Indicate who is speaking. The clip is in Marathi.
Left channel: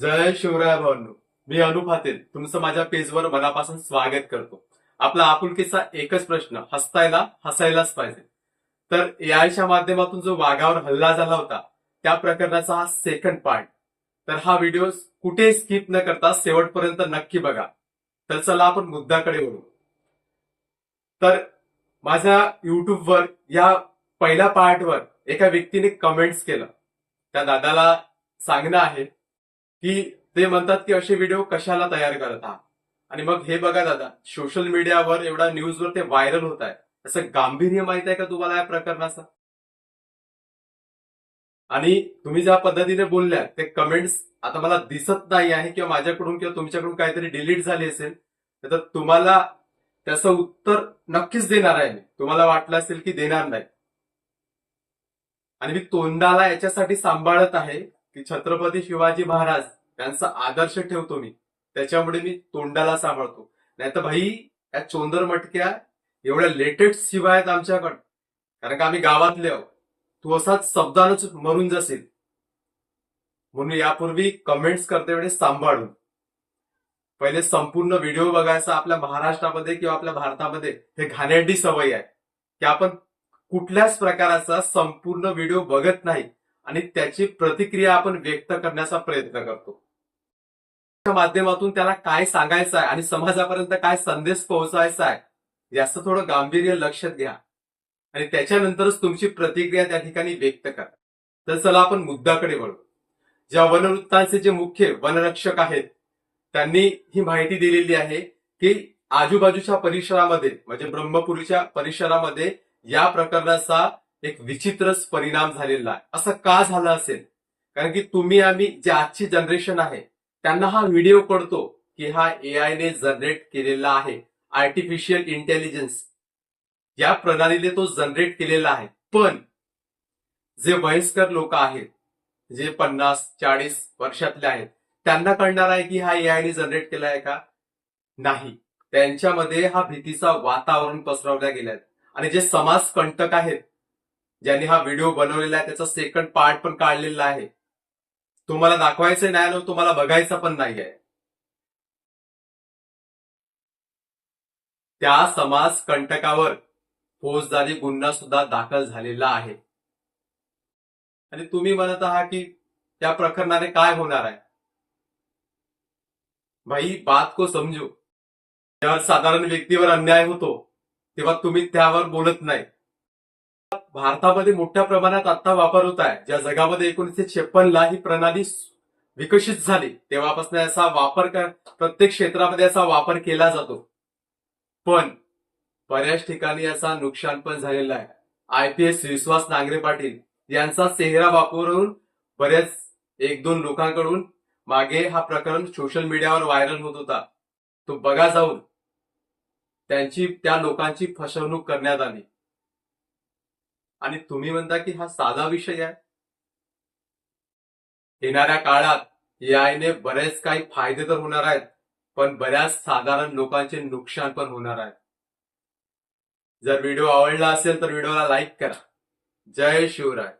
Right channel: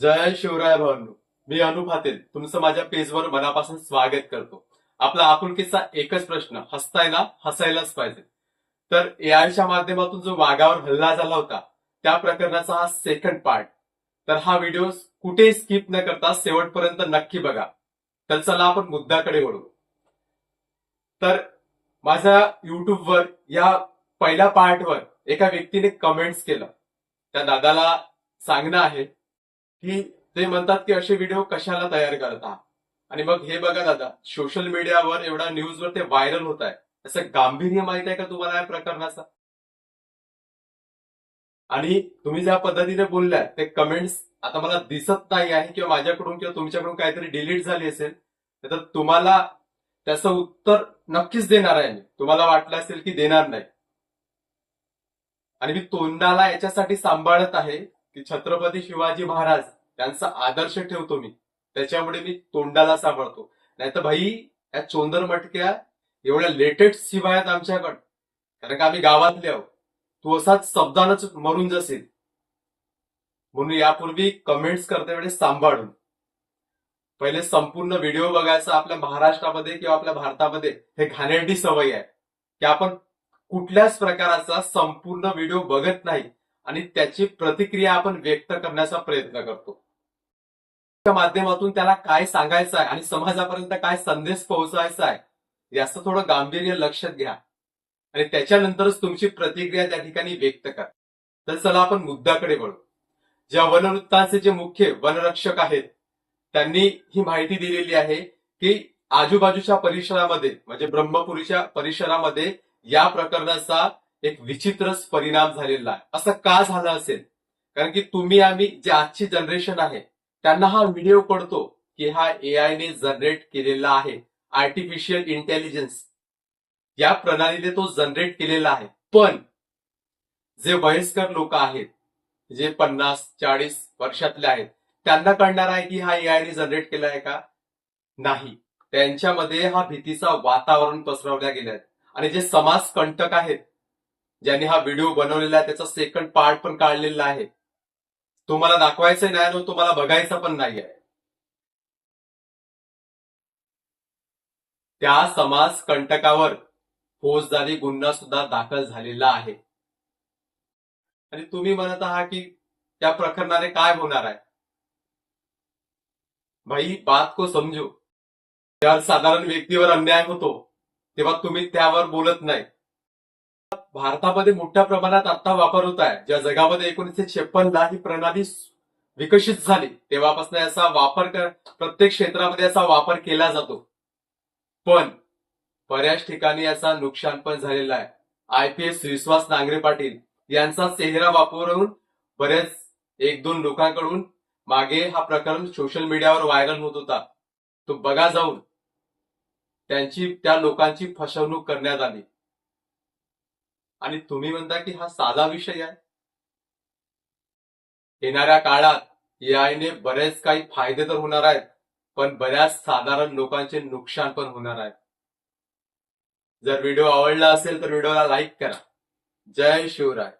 Speaker 1: जय शिवराय भावांनो मी अनु तुमचं माझ्या पेजवर मनापासून स्वागत करतो. आपला आपुलकीचा एकच प्रश्न हसतायला हसायलाच पाहिजे. तर एआयच्या माध्यमातून जो वाघावर हल्ला झाला होता त्या प्रकरणाचा हा सेकंड पार्ट तर हा व्हिडिओ कुठेही स्किप न करता शेवटपर्यंत नक्की बघा. तर चला आपण मुद्द्याकडे वळू. तर माझ्या युट्यूबवर या पहिल्या पार्टवर एका व्यक्तीने कमेंट्स केलं. त्या दादाला सांगणं आहे की ते म्हणतात की असे व्हिडिओ कशाला तयार करत? आहात आणि मग हे बघा दादा सोशल मीडियावर एवढा न्यूजवर ते व्हायरल होत आहे. असं गांभीर्य माहीत आहे का तुम्हाला या प्रकरणाचं? आणि तुम्ही ज्या पद्धतीने बोलल्या ते कमेंट्स आता मला दिसत नाही आहे किंवा माझ्याकडून किंवा तुमच्याकडून काहीतरी डिलीट झाली असेल तर तुम्हाला त्याचं उत्तर नक्कीच देणार आहे मी. तुम्हाला वाटलं असेल की देणार नाही. आणि मी तोंडाला याच्यासाठी सांभाळत आहे. की छत्रपती शिवाजी महाराज त्यांचा आदर्श ठेवतो मी. त्याच्यामुळे मी तोंडाला सांभाळतो. नाही तर भाई या चोंदर मटक्या एवढ्या लेटेस्ट शिवाय आहेत आमच्याकडं. कारण का आम्ही गावातले आहोत. तू असाच शब्दानच मरून जाशील. म्हणून यापूर्वी कमेंट्स करते वेळेस सांभाळून. पहिले संपूर्ण व्हिडिओ बघायचा आपल्या महाराष्ट्रामध्ये किंवा आपल्या भारतामध्ये हे घाणेरडी सवय आहे. की आपण कुठल्याच प्रकाराचा संपूर्ण व्हिडिओ बघत नाही. आणि त्याची प्रतिक्रिया आपण व्यक्त करण्याचा प्रयत्न करतो. त्या माध्यमातून त्याला काय सांगायचं आहे आणि समाजापर्यंत काय संदेश पोहोचवायचा आहे याचं थोडं गांभीर्य लक्षात घ्या. आणि त्याच्यानंतरच तुमची प्रतिक्रिया त्या ठिकाणी व्यक्त करा. तर चला आपण मुद्द्याकडे वळू. ज्या वनवृत्तांचे जे मुख्य वनरक्षक आहेत त्यांनी ही माहिती दिलेली आहे की आजूबाजूच्या परिसरामध्ये म्हणजे ब्रह्मपुरीच्या परिसरामध्ये या प्रकरणाचा एक विचित्रच परिणाम झालेला आहे. असं का झालं असेल? कारण की तुम्ही आम्ही जे आजची जनरेशन आहे त्यांना हा व्हिडिओ कळतो की हा एआय ने जनरेट केलेला आहे आर्टिफिशियल इंटेलिजन्स या प्रणालीने तो जनरेट केलेला आहे. पण जे वयस्कर लोक आहेत जे पन्नास चाळीस वर्षातले आहेत त्यांना कळणार आहे की हा एआयने जनरेट केला आहे का? नाही. त्यांच्यामध्ये हा भीतीचा वातावरण पसरवल्या गेलाय आणि जे समाज कंटक आहेत ज्यांनी हा व्हिडिओ बनवलेला आहे त्याचा सेकंड पार्ट पण काढलेला आहे. तुम्हाला दाखवायचं नाही आणि तुम्हाला बघायचं पण नाही आहे. त्या समाज कंटकावर फौजदारी गुन्हा सुद्धा दाखल झालेला आहे. आणि तुम्ही म्हणत आहात की त्या प्रकरणाने काय होणार आहे? भाई बात को समजू. ज्यावर साधारण व्यक्तीवर अन्याय होतो तेव्हा तुम्ही त्यावर बोलत नाही. भारतामध्ये मोठ्या प्रमाणात आता वापर होत आहे. ज्या जगामध्ये एकोणीसशे छप्पन ला ही प्रणाली विकसित झाली तेव्हापासून याचा वापर कर प्रत्येक क्षेत्रामध्ये याचा वापर केला जातो. पण बऱ्याच ठिकाणी याचा नुकसान पण झालेला आहे. I P S Vishwas Nangare Patil यांचा चेहरा वापरून बऱ्याच एक दोन लोकांकडून मागे हा प्रकरण सोशल मीडियावर व्हायरल होत होता. तो बघा जाऊन त्यांची त्या लोकांची फसवणूक करण्यात आली. आणि तुम्ही म्हणता की हा साधा विषय आहे? येणाऱ्या काळात एआयने बरेच काही फायदे तर होणार आहेत पण बऱ्याच साधारण लोकांचे नुकसान पण होणार आहे. जर व्हिडिओ आवडला असेल तर व्हिडिओला लाईक करा. जय शिवराय.